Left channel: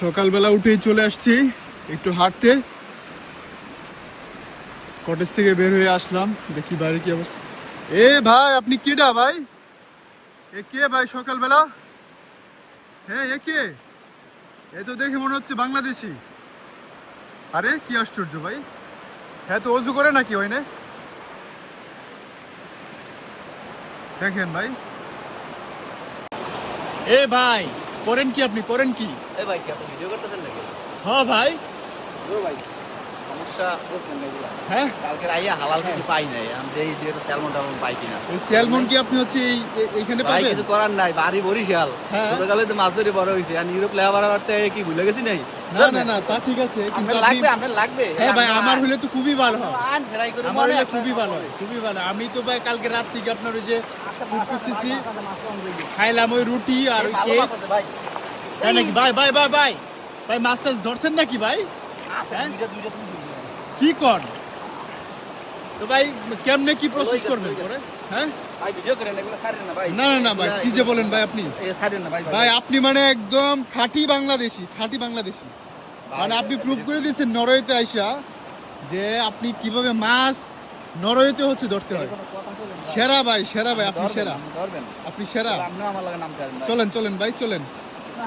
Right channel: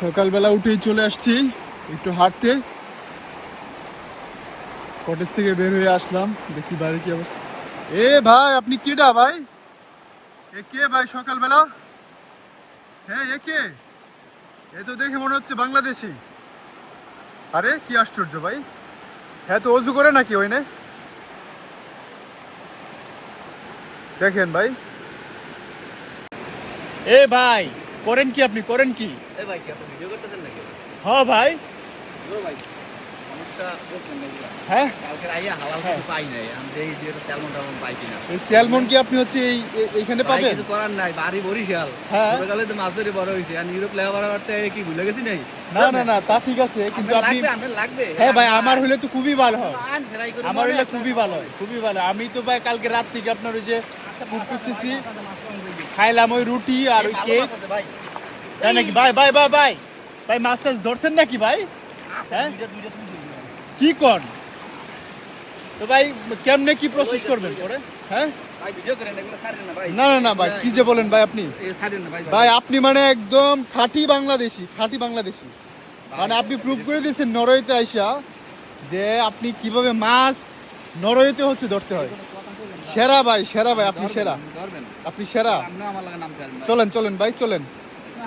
সকালবেলা উঠেই চলে আসছি একটু হাঁটতে। কটেজ থেকে বের হয়ে আসলাম, দেখি বাইরে কি অবস্থা। এ ভাই, আপনি কেডা ভাই? এ কে ভাই সকালবেলা? হ্যাঁ, এ কে? এ তো দেখে মনে হচ্ছে বাংলাদেশি। আরে কি আশ্চর্য ভাই, হ্যাঁ তো অজু করে নাকি ওই না? দেখেন ভাই। এ ভাই, করেন কি আপনি, করেন কি? এই ভাই কি আপনি ভিডিও করতেছেন নাকি? হ্যাঁ ভাই। ও ভাই সমস্যা করছেন না এগুলা। হ্যাঁ, কালকে আইয়া হালাল কিছু পাই নাই, আমি দেই যে স্যালমন টালমন পাই কিনা। এই স্যালমন কি আপনি হচ্ছে এইখানে ভাই পাবেন? কিছু করার নাই, বাড়ি বরিশাল। হ্যাঁ। ছোটকালে তো মাছ ধরে বড় হইছে, আর ইউরোপ লেবার করতে কি ভুলে গেছি নাই? না না না, তা ঠিক আছে, কিন্তু আপনার আপনি লাগবে, আপনার লাগবে। হ্যাঁ ভাই, আমার হলে তো খুবই ভালো হয়। আন ফ্রাই করে আমার হলে খুবই ভালো হয়, খুবই ভালো। আমি তো ভাই কালকে রাত থেকে আপনার ওই যে করতেছি, খাইলাম ওই রুটি আর ওই ভালো কেক। মাছ আছে ভাই। তাই নাকি ভাই? ভাই ভাই ভাই ভাই, মাছ টাছ ধরছেন নাকি ভাই? আচ্ছা হ্যাঁ? দুইটা তুমি দিও। কি কর তো ভাই, কেমনে কি প্রসেস করবেন পরে? হ্যাঁ, ভাই ভিডিও করেন, এগুলো ছাড়েন না ভাই। না না না ভাই, কি যে বলেন ভাই আপনি? এই ছাড়েন না ভাই। ভাই আপনি মানে একদম খাঁটি বাংলাদেশি, খাঁটি বাংলাদেশি। মানে আপনি প্রুভ করে দিয়েছেন নরওয়েতে আইসা যে আপনি কিভাবে মাছ নরওয়েতে হচ্ছে ধরতে হয়। সেরা ভাই, সেরা ভাই, আপনি সেরা, ধরবেন। আপনি সেরা। আপনি আমার লাগে নাম করেন ভাই। চলেন চলেন ভাই, চলেন। না।